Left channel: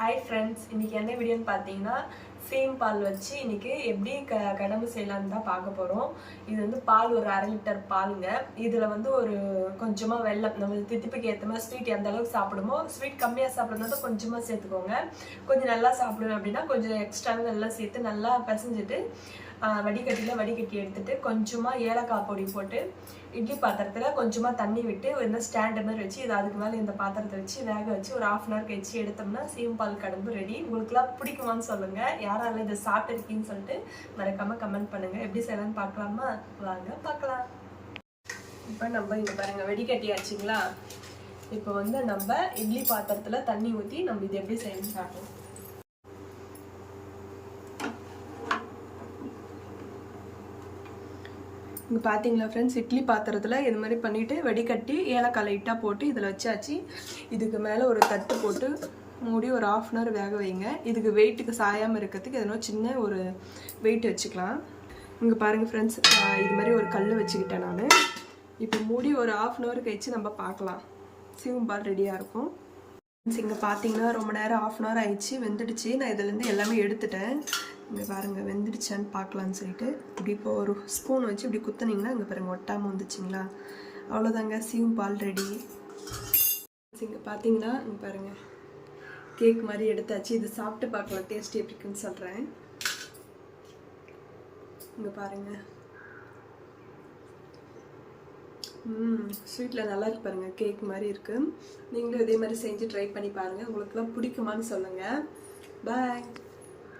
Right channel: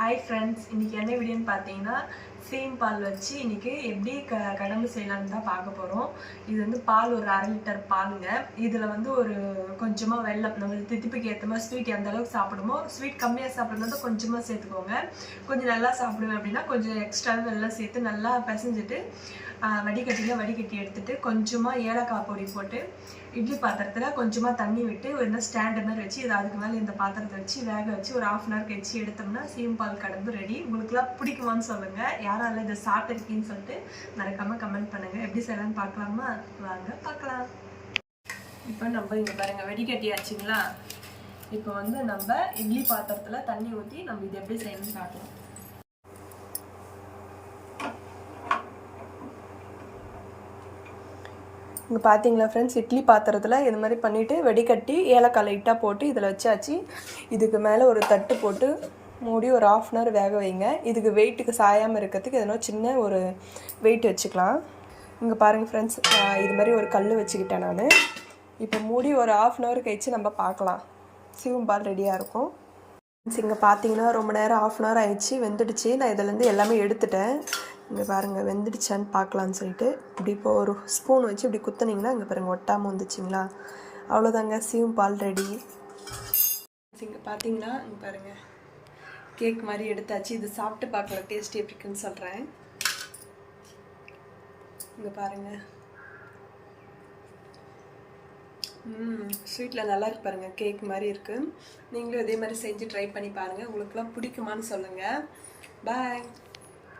Hi friends, இன்றைக்கி என்ன வீடியோன்னு பார்த்தீங்கன்னா சீம் பால் வச்சு இன்றைக்கி எப்படி கடம்பு செய்யலான்னு தான் பார்க்க போகிறோம். இது வந்து பால் ஒரு 1/2 லிட்டர் பாலுங்க. இதில் வந்து ஒரு கொஞ்சமாக வெல்லம், நம்ம தித்திப்புக்கு ஏற்ற மாதிரி ஸ்வீட் எந்த அளவுக்கு சாப்பிடுமோ, ஸ்வீட் கம்மியாக சாப்பிடும்போது கொஞ்சமாக சேர்த்துக்கோங்க. கொஞ்சம் நல்லா சாப்பிடுவேன் அப்படின்னா கொஞ்சம் எக்ஸ்ட்ராவே வெல்லம் சேர்த்து நல்லா பிசைஞ்சிட்டு வடிகட்டி எடுத்துட்டு கொஞ்சமாக ஏலக்காய் பொடி போட்டு இட்லி பாத்திரத்தில் கொஞ்சமாக தண்ணி விட்டு ஒரு ஸ்டாண்ட் மாதிரி வச்சு இது அதுக்கு மேலே இந்த பாத்திரத்தை வச்சு வேக வச்சு ஒரு 1/2 hour கழிச்சு எடுத்தோம்னா சீம் பால் கடம்பு ரெடி. உங்களுக்குலாம் பிடிக்குமான்னு சொல்லுங்கள். யாரால இதை சாப்பிட்டுருக்கீன்னு சொல்லிட்டு மறக்காமல் கமெண்ட் பண்ணுங்கள். எப்படி செய்யலான்னு பார்க்கலாமா? வாங்க பார்க்கலாம். இப்போ நம்ம இங்கே பாருங்கள் வடிகட்டியாச்சுங்களா. இப்போ வந்து நம்ம இட்லி பாத்திரத்தில் தண்ணி ஊற்றி நம்ம இது எப்படி செய்யணும்னு பார்க்கலாம். இங்கே பார்த்தீங்களா ஃப்ரெண்ட்ஸ், இட்லி பாத்திரத்தில் இது மாதிரி பண்ணிவிட்டு வடிகட்டி ஏலக்காய் லைட்டாக போட்டு இதில் வச்சாச்சு. இதுக்கு மேலே ஒரு தட்டு போட்டு மூடி ஒரு 1/2 hour வேக வைங்க. இதுக்கு வெயிட்டுக்கு சாயாமல் இருக்கிறதுக்கு எதனா சின்ன ஒரு வெயிட் வச்சுக்கலாம். இங்கே பாருங்கள் ஃப்ரெண்ட்ஸ், இது மாதிரி ஒரு கல் வச்சுக்கிட்டேன் நான். இப்போ மூடி ஒரு 1/2 hour கழிச்சு நம்ம பார்க்கலாம். சீம் பால் ரெடியாக இருக்கும். இங்கே பார்த்தீங்கன்னா ரொம்ப நேரம் 1/2 hour ஆயிடுச்சு, வெந்துடுச்சு. நான் இதிலேருந்து எல்லாமே எடுத்துட்டேன். இங்கே பாருங்கள் வெந்துடுச்சான்னு பார்க்கலான்னு சொல்லிட்டு இப்படி இப்போ ஒரு ஸ்பூன் வச்சு இப்படி குத்துனீங்கன்னா இங்கே பாருங்கள் ஒட்டாமல் வந்துச்சுங்களா. அவ்வளோதாங்க, சீம் பால் ரெடி. இங்கே பார்த்தீங்கன்னா இங்கே பாருங்கள் கேக் மாதிரி எடுத்தாச்சு. இது சாப்பிட்டு பார்க்கலாம் டேஸ்ட் எப்படி இருக்குன்னு சொல்கிறேன். இங்கே பாருங்கள், ஸ்வீட்டில் நல்லா இருக்கு பாருங்கள், கேக் மாதிரி இருக்குது. நீங்களும் இதே மாதிரி செஞ்சு ட்ரை பண்ணி பாருங்கள். உங்களுக்குலாம் பிடிக்குமான்னு சொல்லுங்கள். பாய்.